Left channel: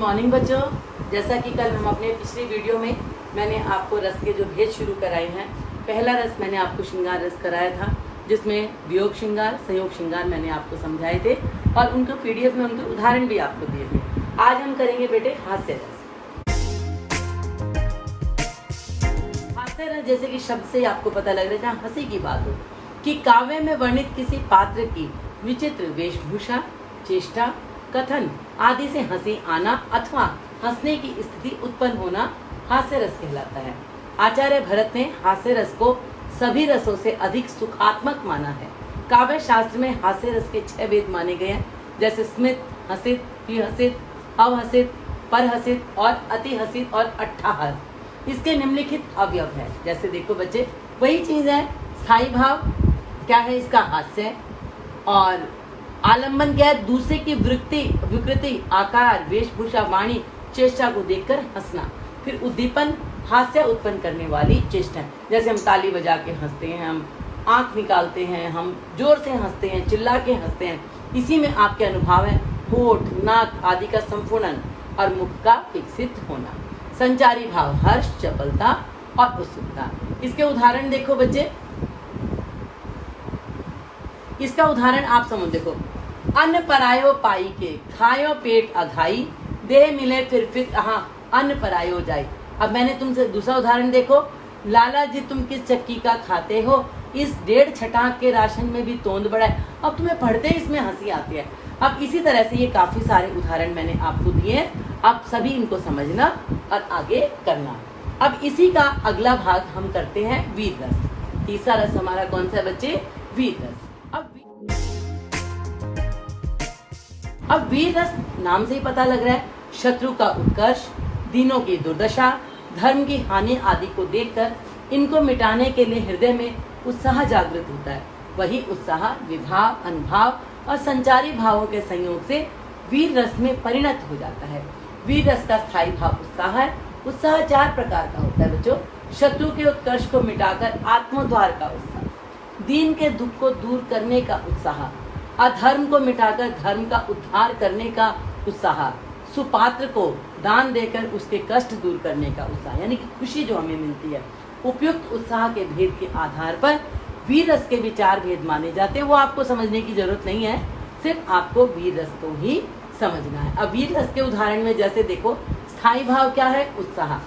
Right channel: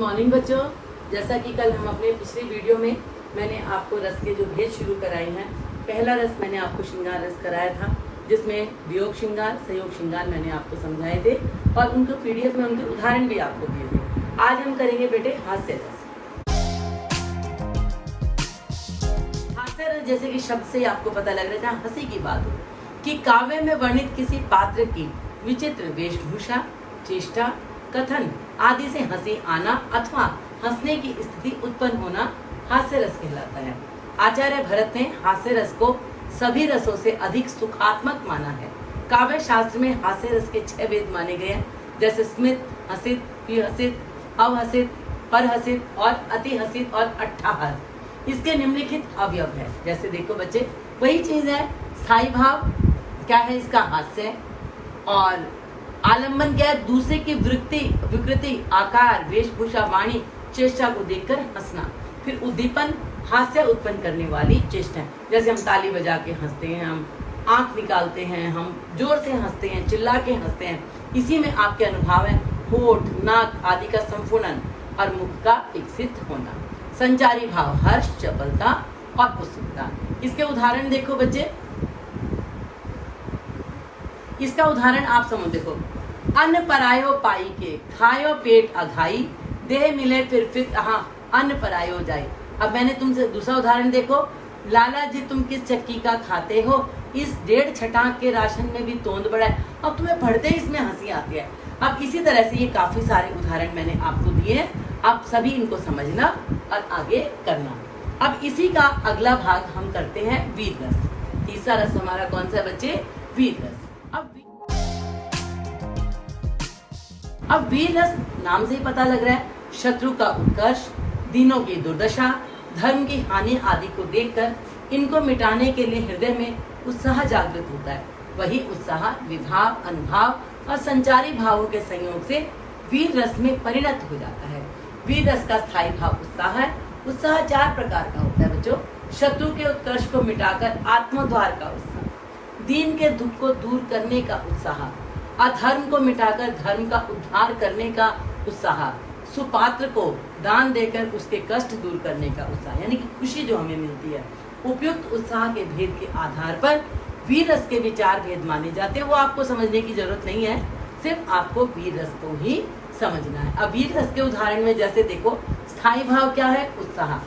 Morning बच्चों। जैसा कि कल हम अपने पिछली वीडियो में मैंने आपको रस के जो भेद शुरू कराए हैं, पहला रस मैंने आपको श्रृंगार रस कराया था, जिसमें वियोग श्रृंगार संयोग श्रृंगार मैंने आपको समझाए थे और उनको पीडीएफ में उनके उदाहरण भी आपको दिए थे। आज हम करेंगे बेटे हास्य रस। हास्य रस जैसे कि शब्द से आपको पता लग रहा है हंसी की बात हो कि काव्य में वर्णित किसी पात्र की विचित्र वेशभूषा, चेष्टा, कथन आदि से हंसी आना अथवा हंसने की स्थिति उत्पन्न होना हास्य रस कहलाता है। आचार्य भरत ने हास्य रस को सभी रसों से अधिक सुखात्मक माना है। काव्य शास्त्र में हास्य रस के 6 भेद माने गए हैं, जैसे स्मित, हसित, विहसित, अवहसित, परहसित और अति हसित और अट्ठाहस। इसके निम्नलिखित अवयव है। जैसे देखो बच्चे, वही चीज है। स्थायी भाव क्या है इसका? हास्य। और आलंबन क्या है? दूसरे की विकृति, आकार, वेशभूषा, वाणी, चेष्टा को देखकर हंसना। फिर उद्दीपन, हास्य उत्पन्न करने वाली चेष्टा, जैसे हम ताली बजा के हंसते हैं, हम आंख निकालते हैं, हम जोर से हंसते हैं, चिल्ला के हंसते हैं। इसी में आपके अनुभव है होठ, नाक आदि का संपूर्ण और मुख का विकसित होना। संचारी भाव हर्ष, चपलता और उत्सुकता। इसके उदाहरण देखो बच्चे, इसका उदाहरण आप समझ देखो। अन्न परायो पाई के, खायो पेट अघाई, देह मिले फिर अन्न परायो जाए। अब मैंने तुमसे दूसरा उदाहरण देखो। लाला जी तुम किस चक्की का खाते हो, इस 1.5 छटाक के राशन में भी तोंद बड़ा है। अब तुम्हें पढ़ते ही इसमें हंसी आती है। अब इसी तरह से ये काफी सारे उदाहरण मैंने आपको दिए हैं, आप सभी इनको समझना और आगे करना। अब इसी का अगला भाग हम करते हैं वीर रस। तीसरा रस हमारा कौन सा बच्चे? वीर रस। अब वीर रस नाम से ही पता लग रहा है, शत्रु का उत्कर्ष, दीनों की दुर्दशा, धर्म की हानि आदि को देखकर इनको मिटाने के लिए हृदय में उत्साह जागृत होता है। वही उत्साह विभाव, अनुभाव और संचारी भावों के संयोग से वीर रस में परिणत हो जाता है। वीर रस का स्थायी भाव उत्साह है। उत्साह 4 प्रकार का होता है बच्चों। शत्रु के उत्कर्ष को मिटाकर आत्मोद्धार का उत्साह, दीन के दुख को दूर करने का उत्साह, अधर्म को मिटाकर धर्म का उद्धार करने का उत्साह, सुपात्र को दान देकर उसके कष्ट दूर करने का उत्साह, यानी कि खुशी जो हमें मिलती है। उपयुक्त उत्साह के भेद के आधार पर वीर रस के भी 4 भेद माने जाते हैं। वो आपको समझने की जरूरत नहीं है, सिर्फ आपको वीर रस को ही समझना है। अब वीर रस के उदाहरण में जैसे देखो, स्थायी भाव क्या है? उत्साह।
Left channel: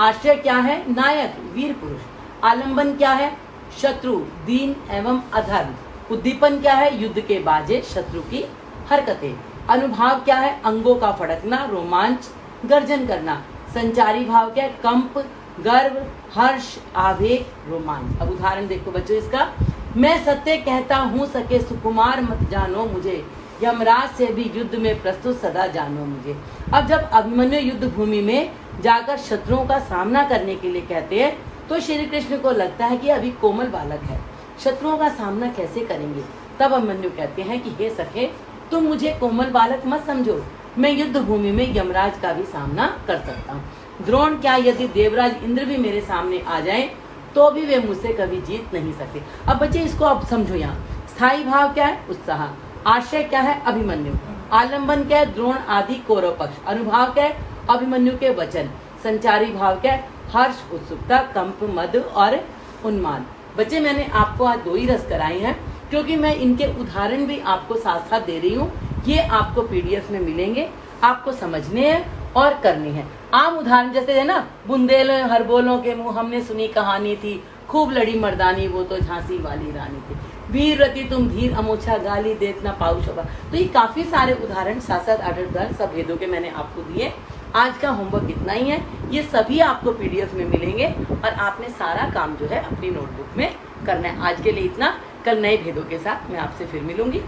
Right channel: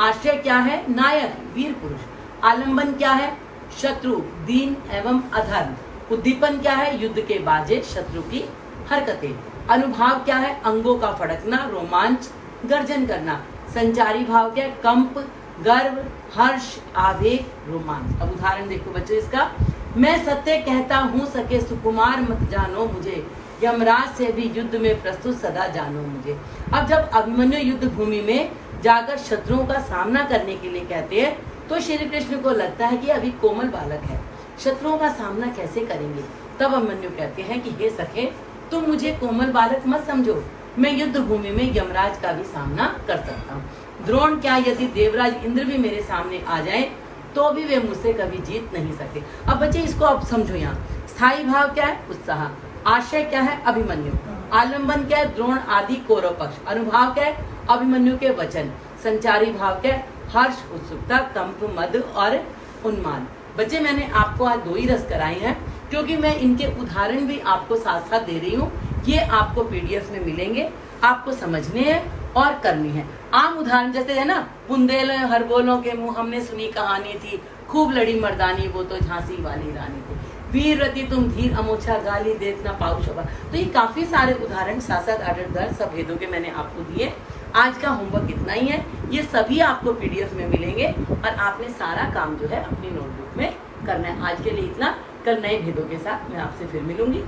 आश्रय क्या है? नायक, वीर पुरुष। आलंबन क्या है? शत्रु, दीन एवं अधर्म। उद्दीपन क्या है? युद्ध के बाजे, शत्रु की हरकतें। अनुभाव क्या है? अंगों का फड़कना, रोमांच, गर्जन करना। संचारी भाव क्या है? कंप, गर्व, हर्ष, आवेग, रोमांच। अब उदाहरण देखो बच्चों इसका। मैं सत्य कहता हूँ सके सुकुमार मत जानो मुझे, यमराज से भी युद्ध में प्रस्तुत सदा जानो मुझे। अब जब अभिमन्यु युद्ध भूमि में जाकर शत्रुओं का सामना करने के लिए कहते हैं, तो श्री कृष्ण को लगता है कि अभी कोमल बालक है, शत्रुओं का सामना कैसे करेंगे। तब अभिमन्यु कहते हैं कि हे सखे, तुम मुझे कोमल बालक मत समझो, मैं युद्ध भूमि में यमराज का भी सामना कर सकता हूँ। द्रोण क्या, यदि देवराज इंद्र भी मेरे सामने आ जाएं, तो भी वे मुझसे कभी जीत नहीं सकते। अब बच्चे इसको अब समझो। यहाँ स्थायी भाव क्या है? उत्साह। आश्रय क्या है? अभिमन्यु। आलंबन क्या है? द्रोण आदि कौरव पक्ष। अनुभाव क्या है? अभिमन्यु के वचन। संचारी भाव क्या है? हर्ष, उत्सुकता, कंप, मद और उन्माद। बच्चे मैंने आपको आज 2 ही रस कराए हैं, क्योंकि मैं इनके उदाहरण भी आपको साथ साथ दे रही हूँ। ये आपको पीडीएफ में मिलेंगे, आपको समझने हैं और करनी है। आम उदाहरण जैसे है ना, बुंदेल हरबोलों के मुंह हमने सुनी कहानी थी, खूब लड़ी मर्दानी वो तो झांसी वाली रानी थी, वीरवती तुम धीर अमोछा गाली देखना पाऊ शोभा। तो ये काफी सारे उदाहरण 7-7, 8-8 सब भेदों के मैंने आपको दिए। आज का होमवर्क इतना ही है, ये सभी आपको पीडीएफ में मिलेंगे और आपने सारा काम जो है अपनी नोटबुक में करना है। आज के लिए इतना, कल नए भेदों के साथ मैं आपसे फिर मिलूंगी।